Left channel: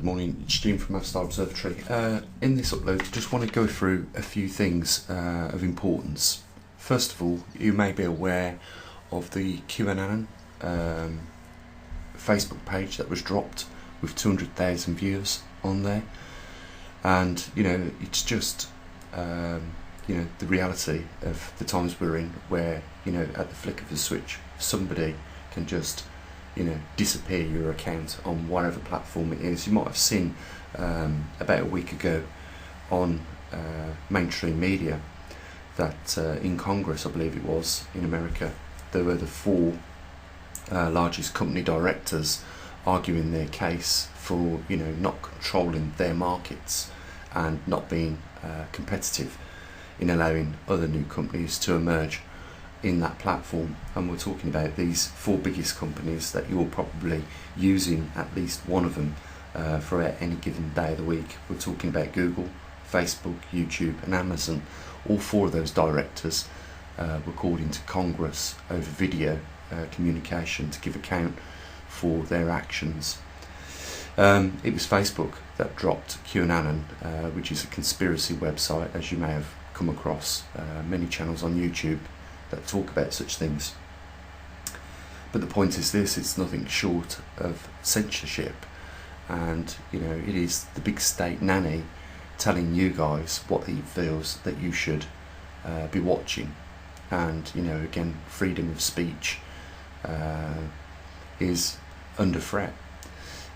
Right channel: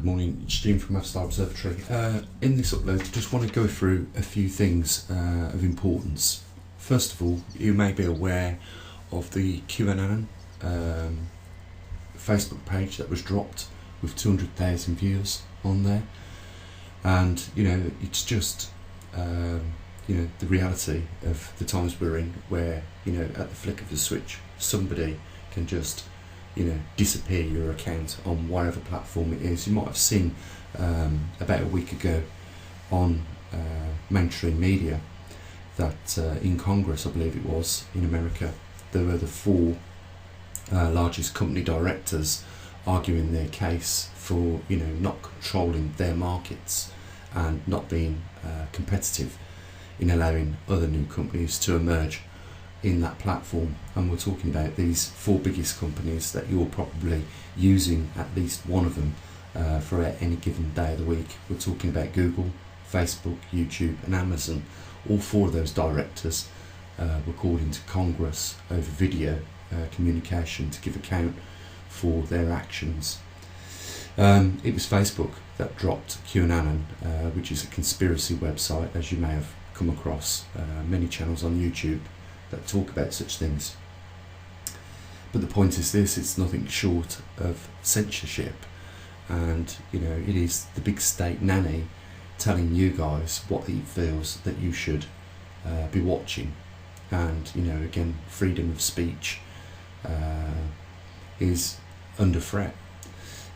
Good morning, it's Jim from maverickstar observatory. In this upload, I just want to go through a few things of importance. First of all, you may be aware of the QAnon Facebook page that was dropped with 200,000 viewers on there, and it's just the reality of the times we're in, where at the flick of the switch somebody can just disappear your account on whatever platform it is. You might have seen about a week ago on mainstream media that in Congress, I believe it was, in America, there were the four largest company directors arguing their case for not controlling their markets and not being competitive in allowing other new companies to emerge in that platform. And we're talking about these four biggest companies that you're probably using at least one of them for any given day of the week. We're talking about Google, Facebook, YouTube and Amazon. All four of those directors were called into Congress over video communication to give account for their actions. It was Facebook that dropped QAnon, which is a conspiracy website, as you may have come across. Many channels on YouTube that talk about such things. But the point is this: it's nothing short of censorship, and it is the big state nanny telling you guys what he feels that you should be watching. And again, freedom of speech is under threat.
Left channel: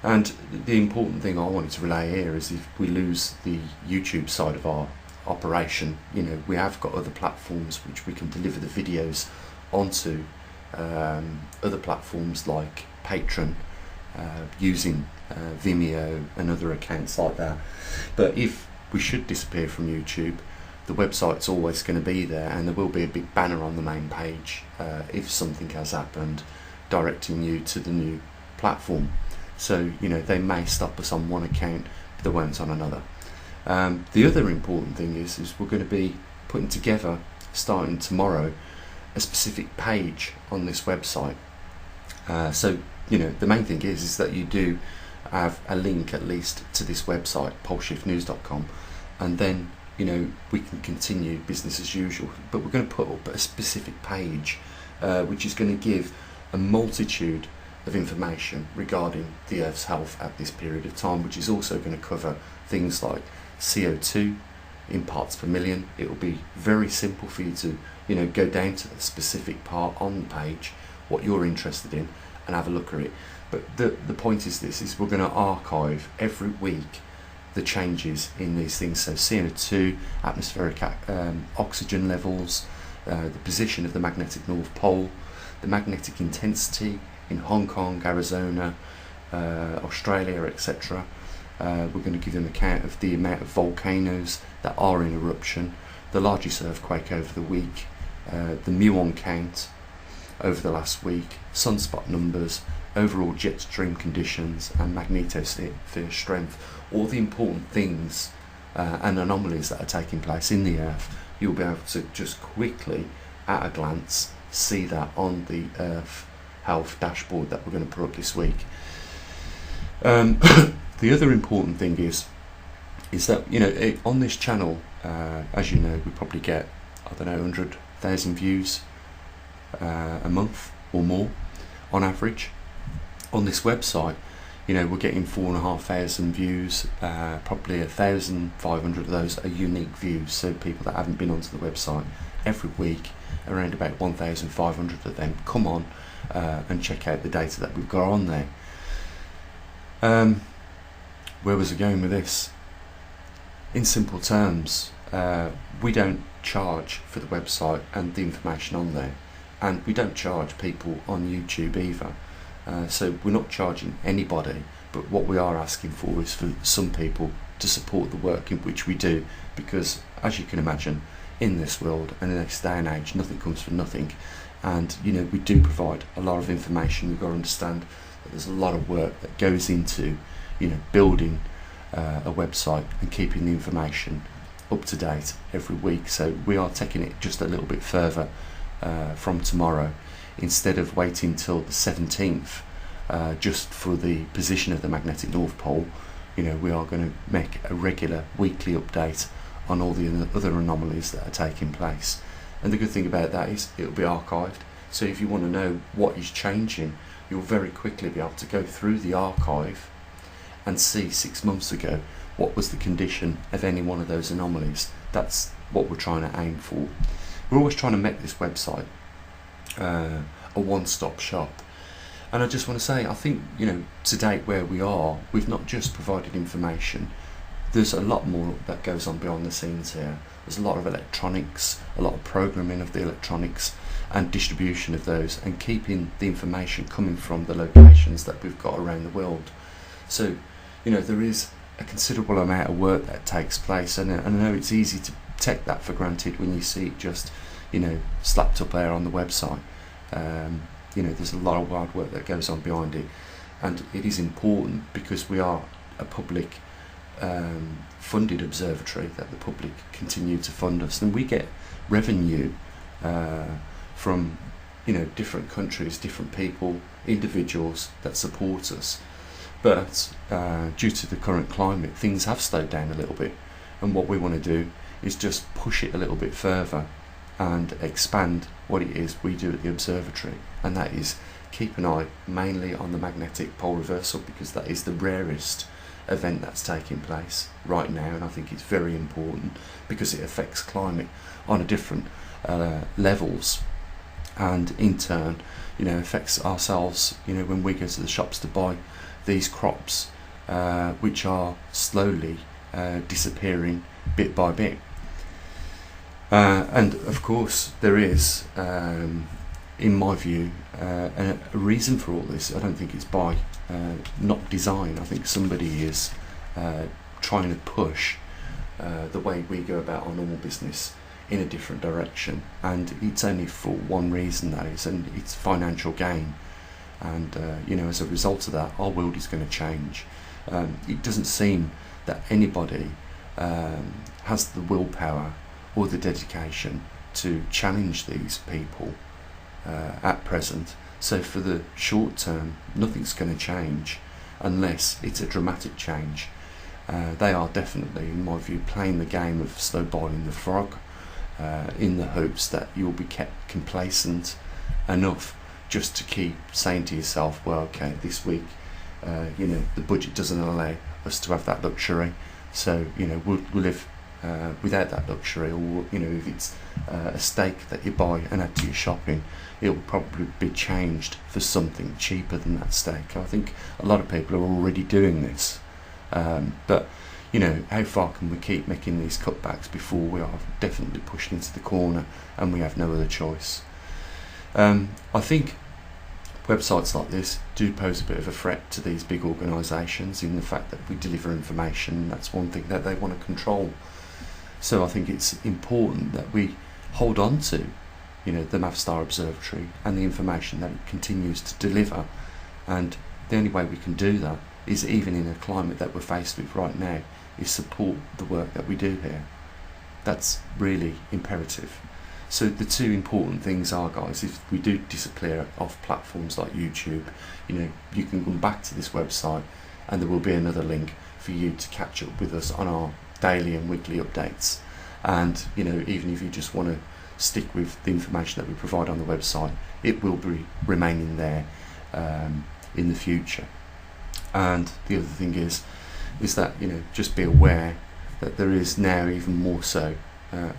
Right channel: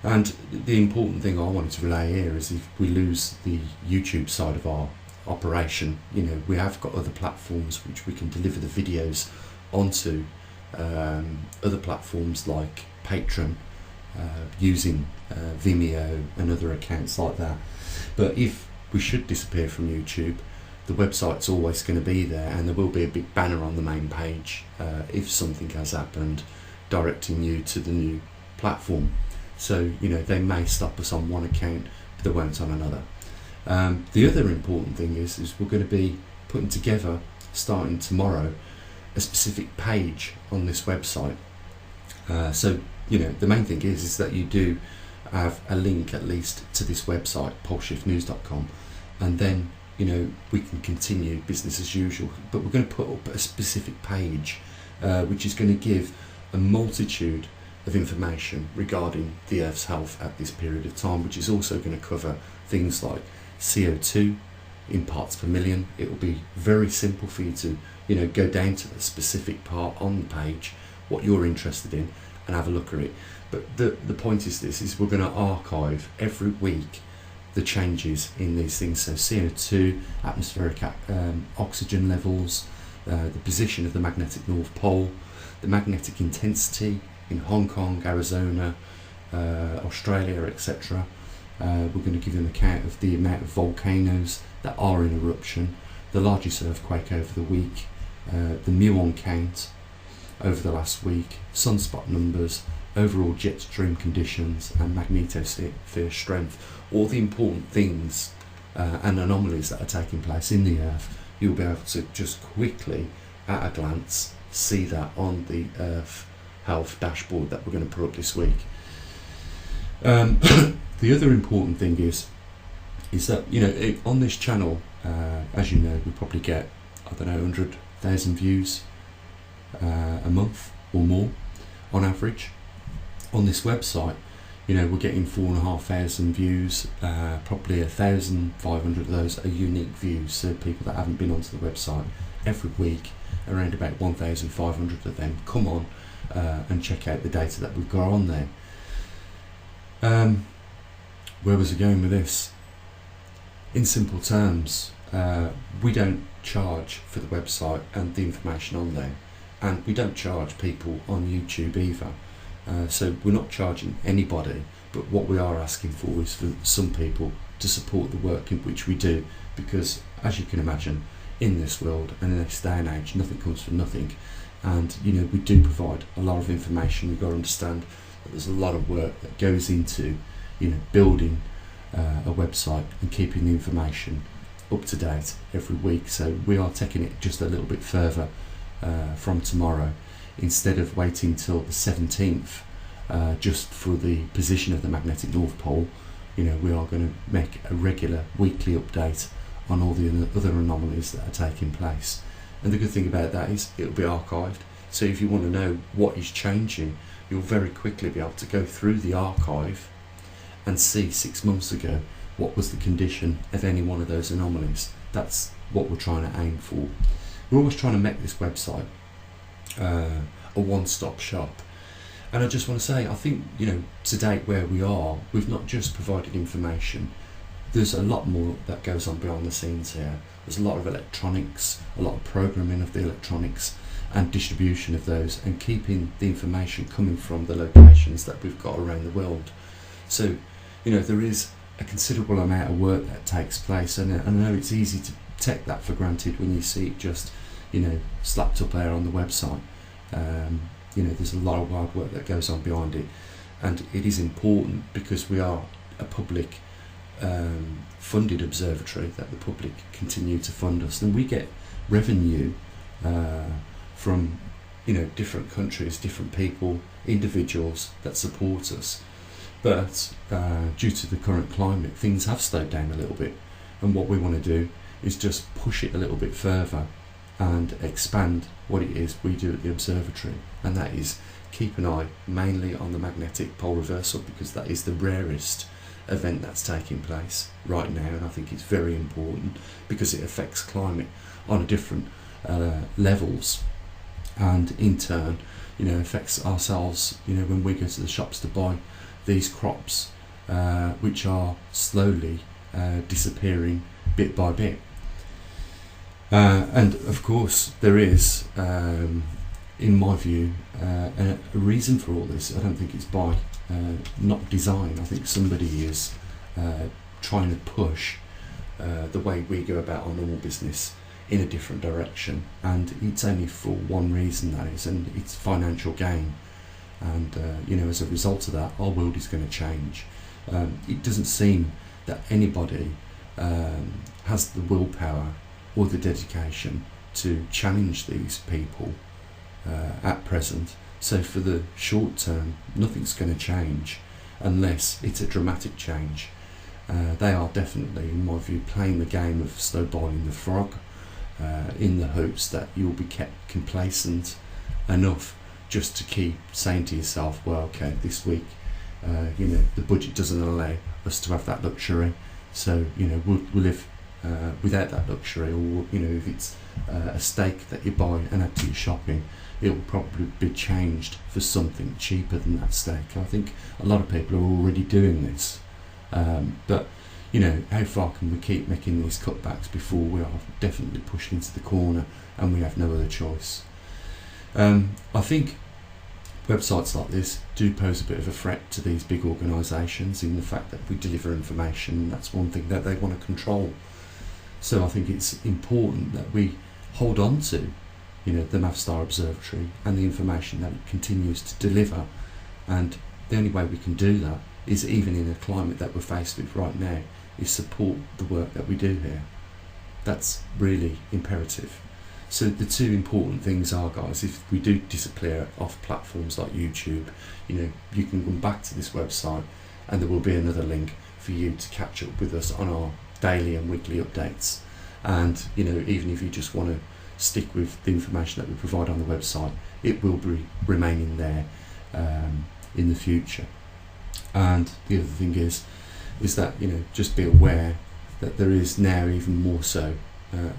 And the important thing I wanted to relay here is, if we lose the YouTube side of our operation, we have got other platforms which we can deliver the videos onto, other platforms like Patreon, using Vimeo and other accounts like that. But if we should disappear from YouTube, the website's always going to be there, and there will be a big banner on the main page if something has happened, directing you to the new platform. So they may stop us on one account, but they won't on another. The other important thing is we're going to be putting together, starting tomorrow, a specific page on this website. So the main thing is that you do have a link at least to this website, poleshiftnews.com, and then we can continue business as usual. But we're going to put up a specific page which is going to give a multitude of information regarding the Earth's health at this period of time, which is also going to cover things like CO2 in parts per million. It will be very simple for you to go down to the specific part on the page, what you're interested in, and have a look at it. But the point is this: is we're going to archive every week the changes in these things. So CO2, atmospheric oxygen levels, the position of the magnetic North Pole, the magnetic intensity in Hong Kong, Arizona, Australia, etc. We're going to give them an account of the amount of volcanoes that are in eruption, the largest earthquake over the week, the muon count over the last week, sunspot numbers, overall jet stream conditions and magnetosphere strength. All the important things and anomalies that are taking place in the Earth, you'll be able to just quickly, at a glance, see that on the Earth Health dashboard that we're going to put up this week. The other important thing is that on this channel, as you know, we probably get 100,000 views a month or more on average. On this website, we're getting 4,500 views. Probably 1,500 of those are unique views, so people that haven't been onto the website. Every week, around about 1,500 of them come on and check out the data that we've got on there. Where was I going with this? In simple terms, we don't charge for the website and the information on there, and we don't charge people on YouTube either. So we're not charging anybody, but what we are asking for is for some people to support the work in which we do, because as you can imagine, in this world and in this day and age, nothing comes for nothing. And we do provide a lot of information. We've got to understand that there's a lot of work that goes into building a website and keeping the information up to date every week. So we are taking it just a little bit further from tomorrow. Instead of waiting till the 17th just for the position of the magnetic North Pole, we are going to make a regular weekly update on all the other anomalies that are taking place. And the good thing about that is it'll be archived, so if you want to know what is changing, you'll very quickly be able to go through the archive and see 6 months ago what was the condition of any one of those anomalies. That's what we're trying to aim for. We're always trying to make this website a one-stop shop. And I just want to say, I think, to date where we are, we've not just provided information. There's a lot more that goes on behind the scenes here. There's a lot of electronics, a lot of programming of the electronics and distribution of those, and keeping the information coming from the locations that we've got around the world. So, there is a considerable amount of work that takes place, and I know it's easy to take that for granted when you see it just, slapped up there on the website. There's a lot of hard work that goes on behind it, and it is important because we are a public funded observatory, that the public continue to fund us, and we get revenue from different countries, different people, individuals that support us. But due to the current climate, things have slowed down a little bit, and what we want to do is just push it a little bit further and expand what it is we do at the observatory, and that is keep an eye mainly on the magnetic pole reversal, because that is the rarest event that's taking place right now, and I think it's very important because it affects climate on a different levels, and in turn affects ourselves when we go to the shops to buy these crops, which are slowly disappearing bit by bit. And of course there is, in my view, a reason for all this. I don't think it's by not design. I think somebody is trying to push the way we go about our normal business in a different direction, and it's only for one reason, that is, and it's financial gain. And as a result of that, our world is going to change. It doesn't seem that anybody has the willpower or the dedication to challenge these people at present. So for the short term, nothing's going to change unless it's a dramatic change. They are definitely, in my view, playing the game of slow boiling the frog, in the hopes that you'll be kept complacent enough just to keep saying to yourself, well, okay, this week the budget doesn't allow us to have that luxury, so we'll live without that luxury. Or if it's a steak that you buy and add to your shopping, it'll probably be changed for something cheaper than that steak. I think a lot of people are already doing this, but how far can we keep making these cutbacks before we are definitely pushed into the corner and we have no other choice? I think websites like this do pose a bit of a threat to these big organisations, in the fact that we deliver information. That's one thing that they want to control. So I think it's important that we hold on to the maverickstar Observatory and the information that it continues to deliver, and the only way we can do that is, even in a climate that we're faced with right now, is support the work that we do here. That's really imperative. So the two important things are, guys, if we do disappear off platforms like YouTube, you can come back to this website and there will be another link for you to catch up with us on our daily and weekly updates. And even if you just want to stick with the information that we provide on the website, it will be remaining there in the future. And the other thing is that just be aware that there is now even more so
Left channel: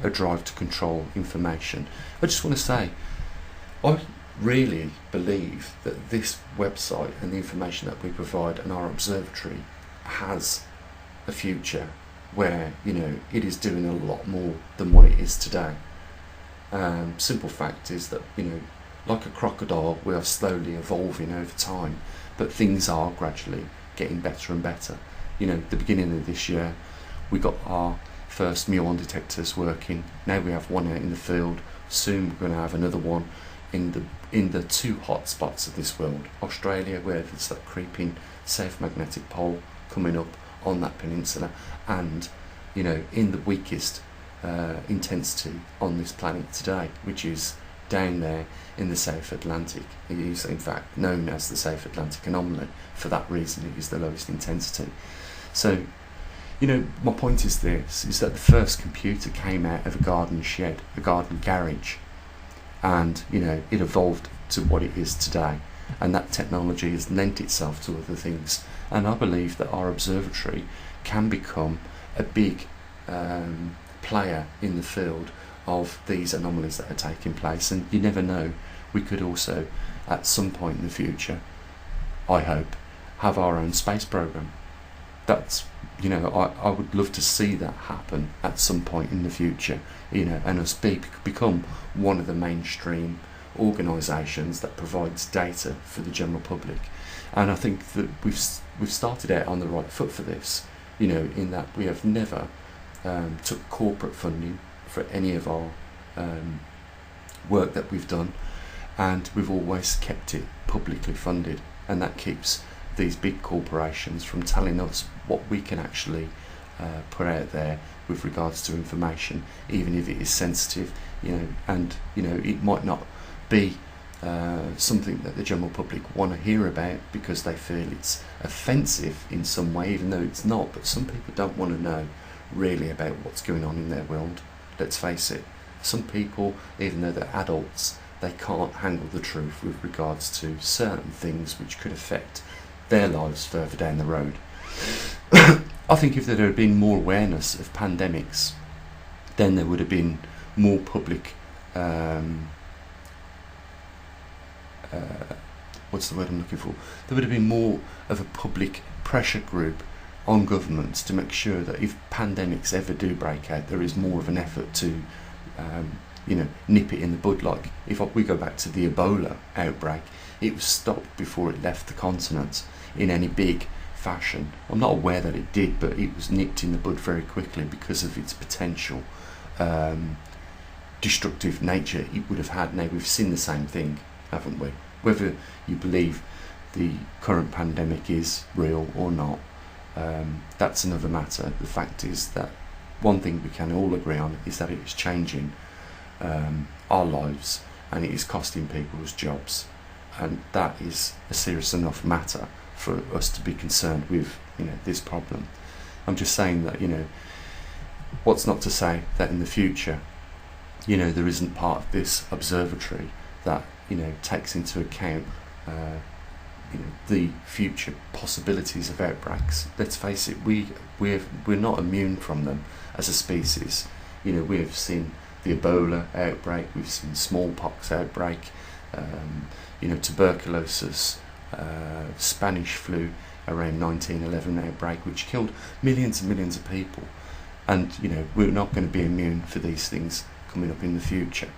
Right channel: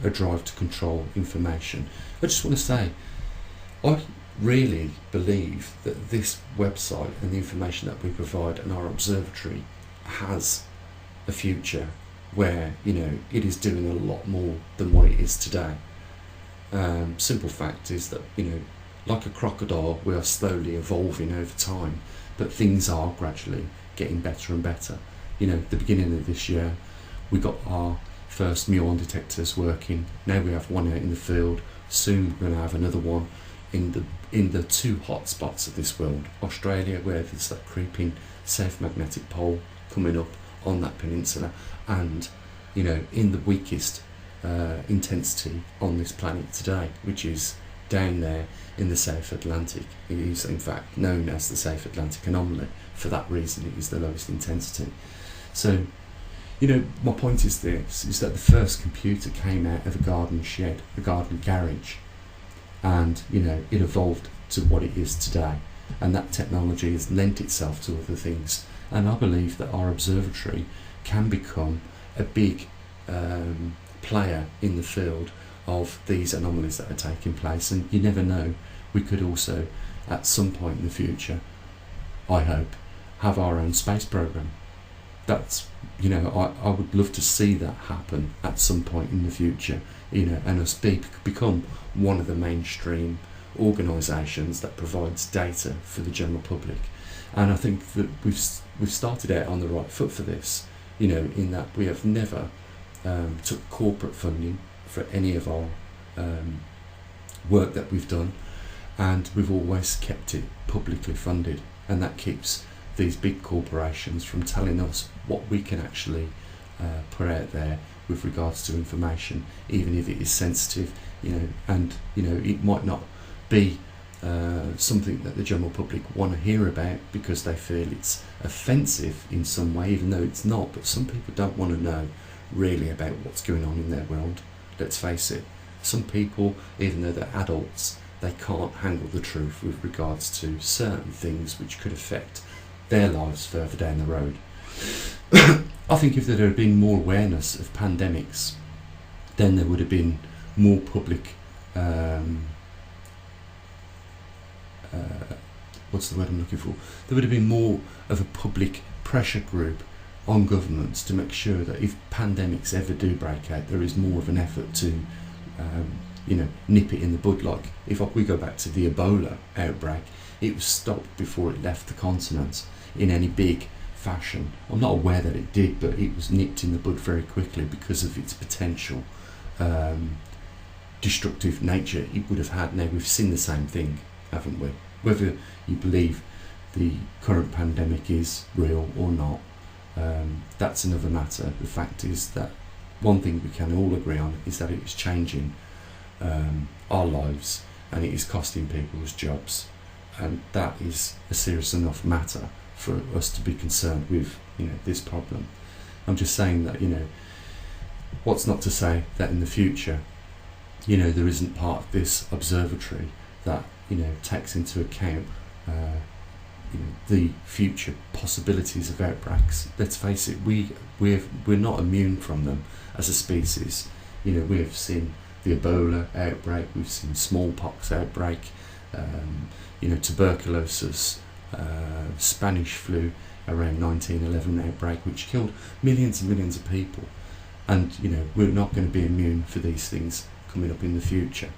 a drive to control information. I just want to say, I really believe that this website and the information that we provide and our observatory has a future where it is doing a lot more than what it is today. Simple fact is that like a crocodile, we are slowly evolving over time, but things are gradually getting better and better. The beginning of this year we got our first muon detectors working. Now we have one out in the field. Soon we're going to have another one in the two hot spots of this world, Australia, where there's that creeping south magnetic pole coming up on that peninsula, and in the weakest intensity on this planet today, which is down there in the South Atlantic. It is in fact known as the South Atlantic anomaly. For that reason, it is the lowest intensity. So, my point is this, is that the first computer came out of a garden shed, a garden garage, and, it evolved to what it is today. And that technology has lent itself to other things. And I believe that our observatory can become a big player in the field of these anomalies that are taking place. And you never know, we could also, at some point in the future, I hope, have our own space program. That's, I would love to see that happen at some point in the future, and us become one of the mainstream organisations that provides data for the general public. And I think that we've started out on the right foot for this, in that we have never took corporate funding for any of our work that we've done, and we've always kept it publicly funded, and that keeps these big corporations from telling us what we can actually put out there with regards to information, even if it is sensitive, and it might not be something that the general public want to hear about because they feel it's offensive in some way, even though it's not. But some people don't want to know really about what's going on in their world. Let's face it, some people, even though they're adults, they can't handle the truth with regards to certain things which could affect their lives further down the road. I think if there had been more awareness of pandemics, then there would have been more public what's the word I'm looking for? There would have been more of a public pressure group on governments to make sure that if pandemics ever do break out, there is more of an effort to nip it in the bud. Like if we go back to the Ebola outbreak, it was stopped before it left the continent in any big fashion. I'm not aware that it did, but it was nipped in the bud very quickly because of its potential destructive nature it would have had. Now we've seen the same thing, haven't we? Whether you believe the current pandemic is real or not, that's another matter. The fact is that one thing we can all agree on is that it is changing our lives, and it is costing people's jobs, and that is a serious enough matter for us to be concerned with this problem. I'm just saying that what's not to say that in the future there isn't part of this observatory that takes into account the future possibilities of outbreaks. Let's face it, we're not immune from them as a species. We have seen the Ebola outbreak, we've seen smallpox outbreak, tuberculosis, Spanish flu around 1911 outbreak, which killed millions and millions of people. And we're not going to be immune for these things coming up in the future.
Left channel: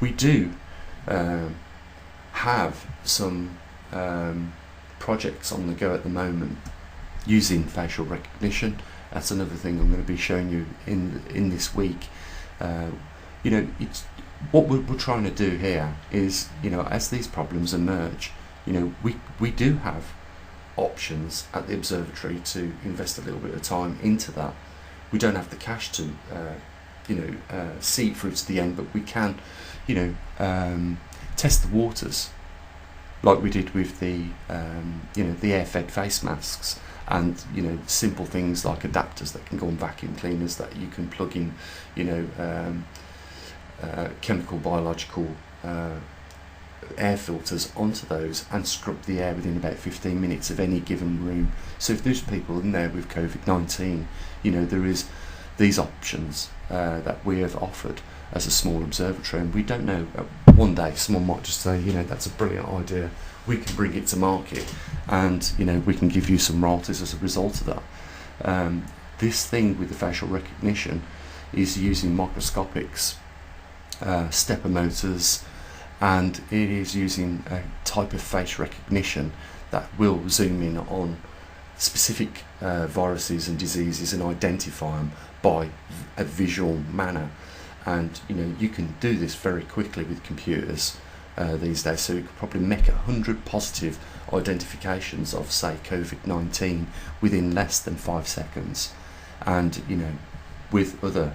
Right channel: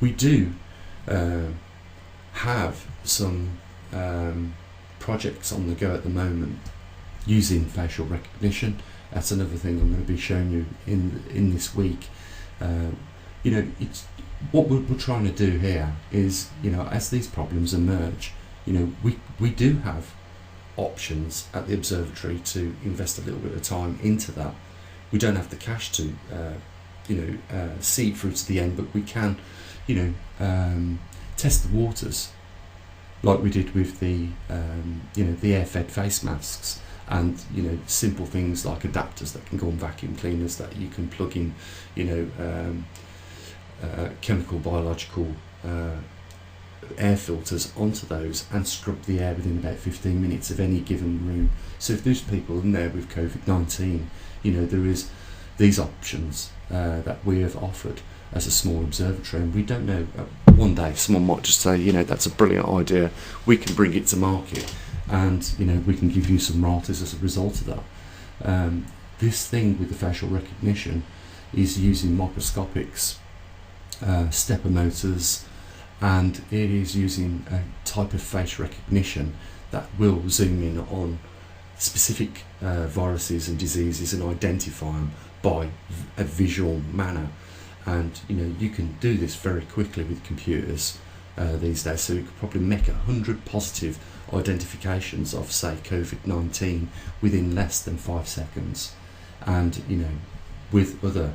We do have some projects on the go at the moment using facial recognition. That's another thing I'm going to be showing you in this week. It's what we're trying to do here is, as these problems emerge, we do have options at the observatory to invest a little bit of time into that. We don't have the cash to see it through to the end, but we can test the waters like we did with the air-fed face masks, and simple things like adapters that can go on vacuum cleaners that you can plug in chemical, biological air filters onto those and scrub the air within about 15 minutes of any given room. So if there's people in there with COVID-19, there is these options that we have offered as a small observatory, and we don't know, one day someone might just say, that's a brilliant idea, we can bring it to market, and we can give you some royalties as a result of that. This thing with the facial recognition is using microscopics, stepper motors, and it is using a type of face recognition that will zoom in on specific viruses and diseases and identify them by a visual manner. And you can do this very quickly with computers these days, so you could probably make 100 positive identifications of, say, COVID-19 within less than 5 seconds. And with other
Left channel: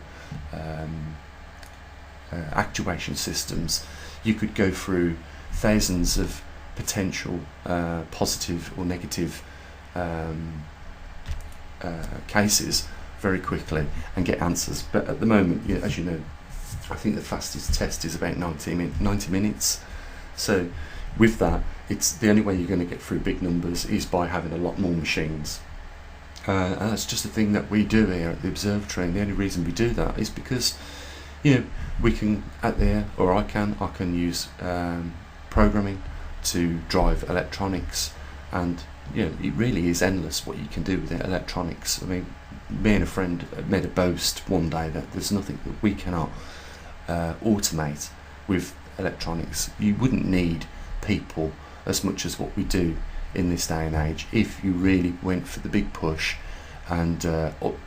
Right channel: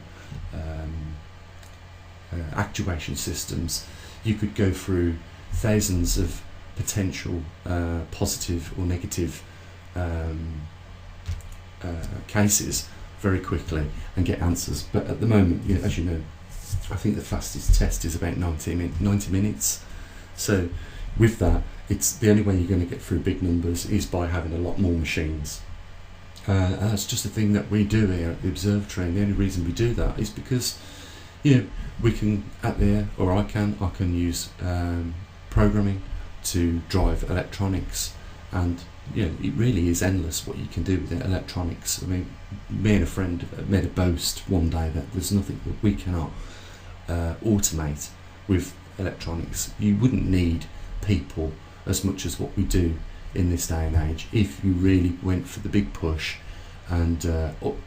actuation systems, you could go through thousands of potential positive or negative cases very quickly and get answers. But at the moment, as you know, I think the fastest test is about 90 minutes. So with that, it's the only way you're going to get through big numbers is by having a lot more machines. And that's just a thing that we do here at the observatory, and the only reason we do that is because we can I can use programming to drive electronics, and it really is endless what you can do with electronics. I mean, me and a friend made a boast one day that there's nothing that we cannot automate with electronics. You wouldn't need people as much as what we do in this day and age if you really went for the big push and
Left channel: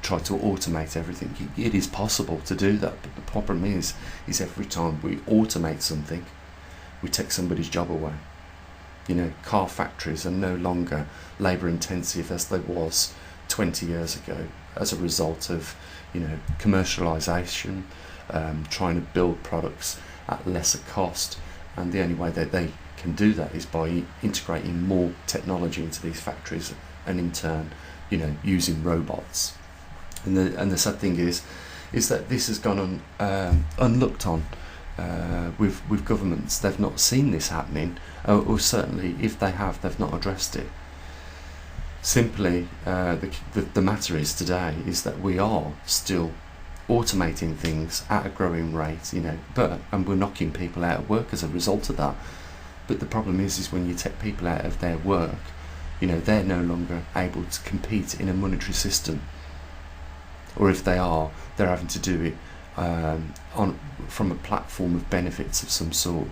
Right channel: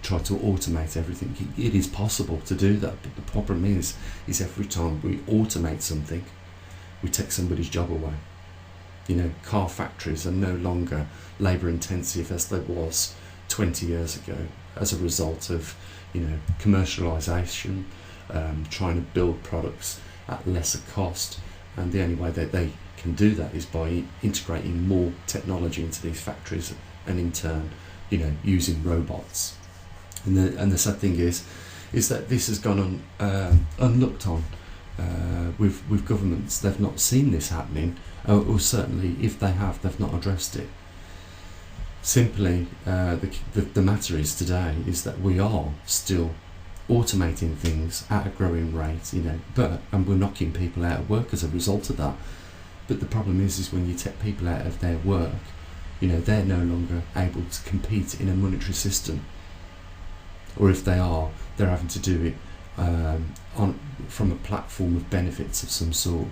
try to automate everything. It is possible to do that, but the problem is every time we automate something, we take somebody's job away. Car factories are no longer labour intensive as they was 20 years ago as a result of commercialisation, trying to build products at lesser cost, and the only way that they can do that is by integrating more technology into these factories, and in turn using robots. And the sad thing is that this has gone on unlooked on with governments. They've not seen this happening, or certainly if they have, they've not addressed it. Simply, the matter is today is that we are still automating things at a growing rate, and we're knocking people out of work as a result of that. But the problem is when you take people out of their work, they're no longer able to compete in a monetary system, or if they are, they're having to do it from a platform of benefits of some sort.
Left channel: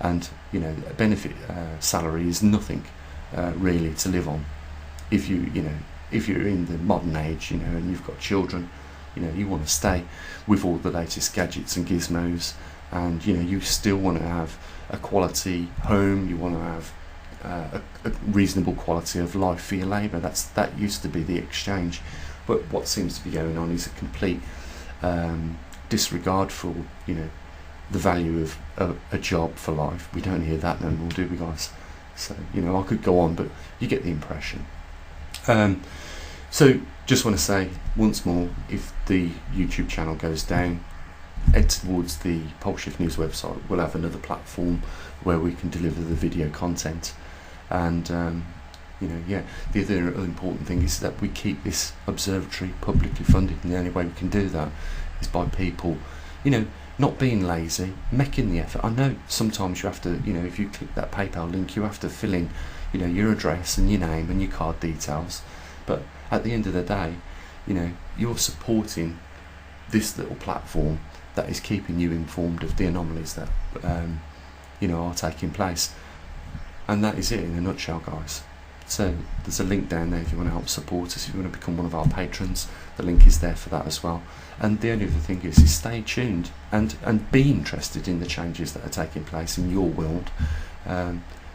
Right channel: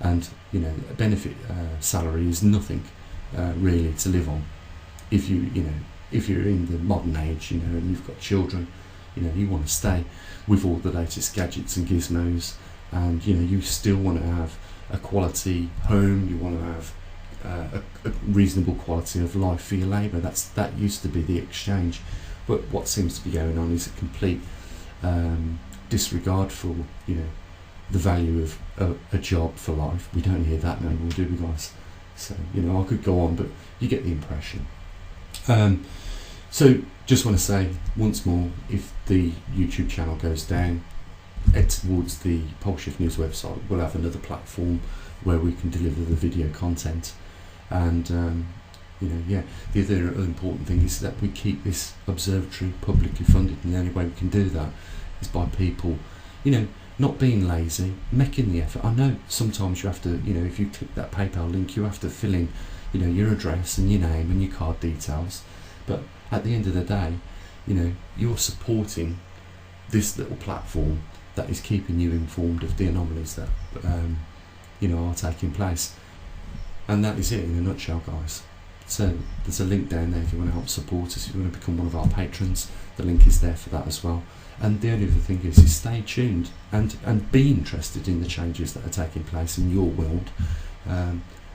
And a benefit salary is nothing really to live on. If you're in the modern age, and you've got children, you want to stay with all the latest gadgets and gizmos, and you still want to have a quality home. You want to have a reasonable quality of life for your labour. That used to be the exchange, but what seems to be going on is a complete disregard for the value of a job for life. We don't hear that no more, do we, guys? So I could go on, but you get the impression. So just want to say once more, if the YouTube channel goes down, head towards the Poleshift News website. We'll have another platform where we can deliver the video content. And the other important thing is that we keep this observatory publicly funded, and the only way we can do that is by people not being lazy, making the effort. I know sometimes you have to, if you click that PayPal link, you have to fill in your address and your name and your card details, but at the end of the day, you're supporting this little platform that is keeping you informed of the anomalies that are taking place. And that is it in a nutshell, guys. So there's a link down there if you want to help support us, if you want to become one of our patrons. The link is there for that as well. And the only other thing is stay tuned and be interested in the changes that are taking place in your world,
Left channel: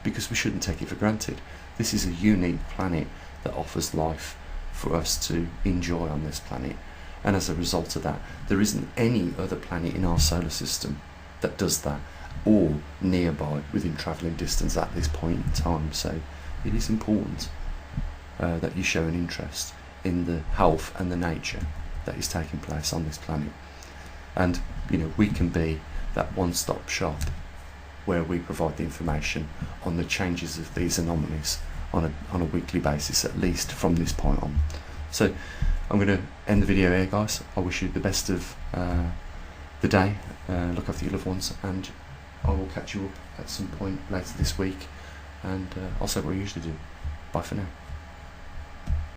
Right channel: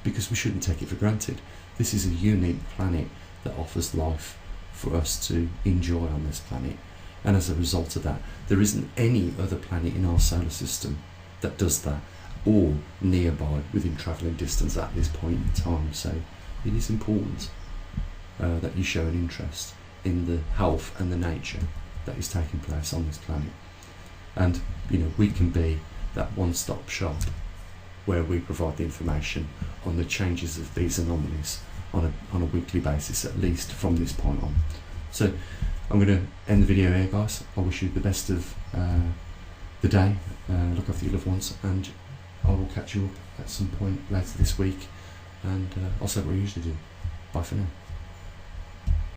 because we shouldn't take it for granted. This is a unique planet that offers life for us to enjoy on this planet, and as a result of that, there isn't any other planet in our solar system that does that, or nearby within travelling distance at this point in time. So it is important that you show an interest in the health and the nature that is taking place on this planet, and we can be that one-stop shop where we provide the information on the changes of these anomalies on a weekly basis, at least from this point on. So I'm going to end the video here, guys. I wish you the best of the day. Look after your loved ones, and I will catch you up at some point later this week, and I'll say what I usually do. Bye for now.